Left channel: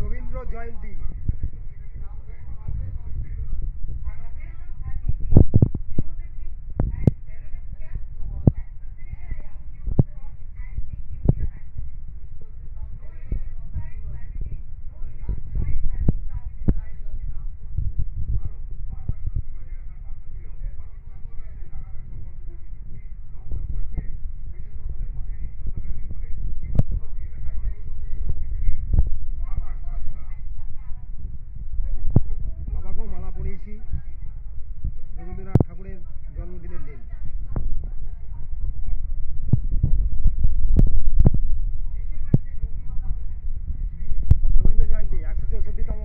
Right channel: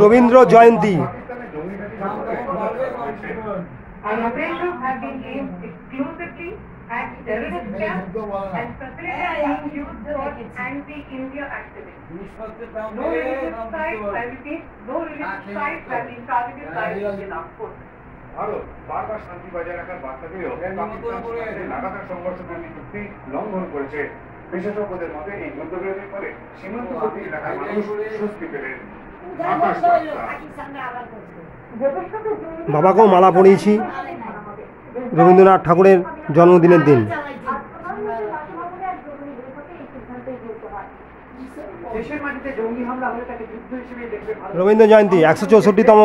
Rabindra Jayanti. terrorist camps and facilities being used for anti-India activities. No religious sites, I repeat, no religious sites have been targeted by Indian armed forces. Bharat বারবার শান্তি বজায় রাখার বার্তা দিয়েও পাকিস্তান লাগাতার সংঘর্ষপূর্ণ চুক্তি লঙ্ঘন করেছে। বিশেষজ্ঞদের মতে এই যুদ্ধবিরতির ফলে সীমান্তবর্তী এলাকার মানুষ স্বস্তি পেলেন। বাবাকেও মালা পরিয়েছি রবীন্দ্রনাথ ঠাকুরের জন্মদিনের দিন। রবীন্দ্র জয়ন্তী 164তম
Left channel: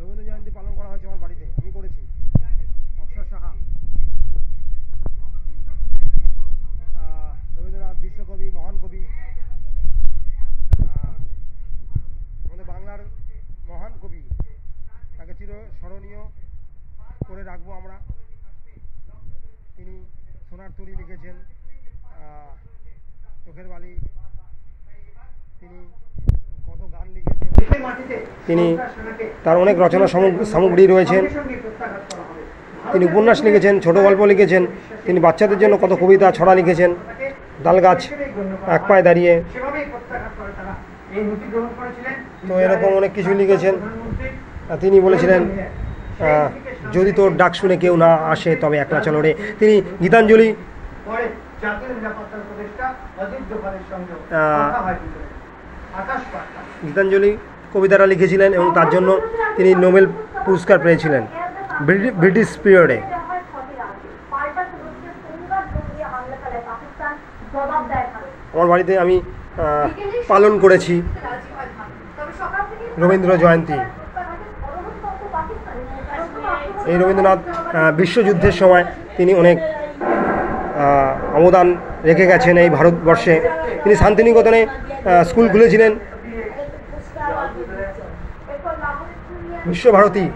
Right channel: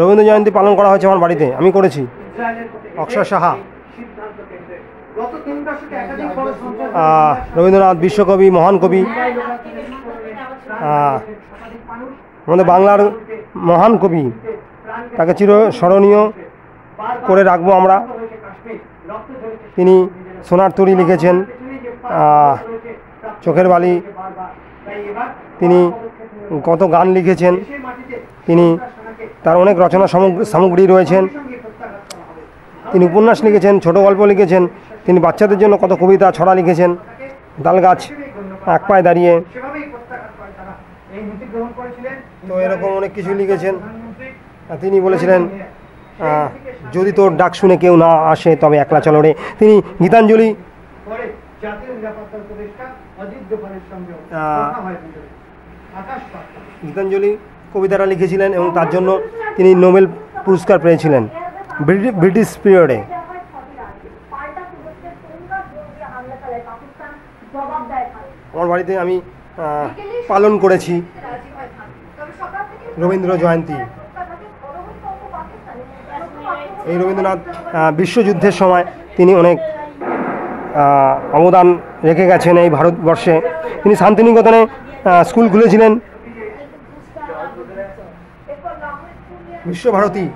রবীন্দ্র জয়ন্তী পালন করা হয়েছে আমার বাড়িতে, আমি করেছি। অক্ষয় সাহা, রবীন্দ্রনাথ বিশ্বকবি, মহান কবি, আমাদের বাংলার মহান কবি, তাকে চিরস্মরণীয় করে রাখবো আমরা। তিনি সোনার তরী লিখেছেন, চোখের বালি, তিনি কত গান লিখেছেন, তিনি তার অনেক রচনা সামগ্রী রয়েছেন, তিনি উপন্যাস লিখেছেন, ছোট গল্প লিখেছেন, তিনি বাচ্চাদের জন্য কত কবিতা ছড়া লিখেছেন, তালগাছ এক পায়ে দাঁড়িয়ে, তো এরকম অনেক কিছু লিখেছেন। তিনি বলেছিলেন যদি তোর ডাক শুনে কেউ না আসে তবে একলা চলো রে। তিনি গীতাঞ্জলি কবিতাটা লিখেছিলেন এবং তার জন্য তিনি নোবেল পুরস্কার পেয়েছিলেন ব্রিটিশ পিরিয়ডে। আমার বাড়িতে আমি পালন করেছি রবীন্দ্র জয়ন্তী। এই রবীন্দ্রনাথ বিশ্বযুদ্ধের সময় তিনি অনেক অবদান রেখে গেছেন এই ভারতবর্ষে। তিনি শান্তিনিকেতনে স্কুল খুলেছিলেন, Visva Bharati.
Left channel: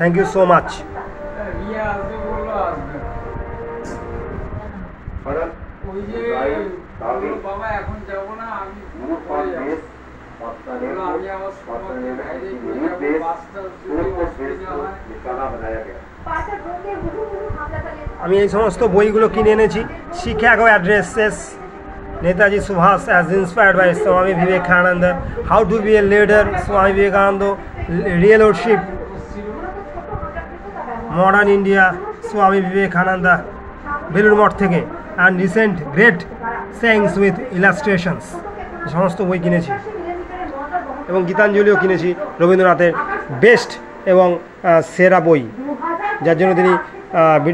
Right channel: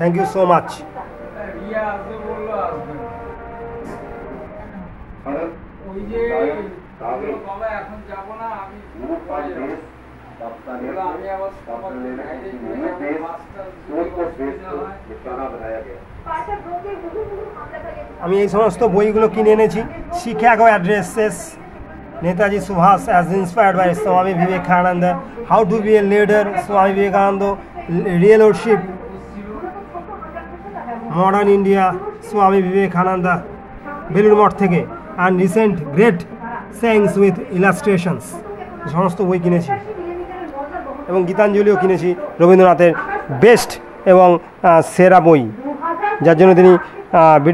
Thank you so much. আমি এই সমস্ত বইগুলো কিনে এনেছি। Chicago addresses, Netaji Subhas as inspired by Swami Vivekananda, How to be a leader, Swami Vivekananda, Real Leadership, Modern India, Swami Vivekananda, Belur Math থেকে, and recent great sayings with illustrations, সমস্ত বই কিনেছি এবং গীতাঞ্জলিও কিনেছি, রবীন্দ্রনাথের বেস্ট এবং সেরা বই, যার জন্য তিনি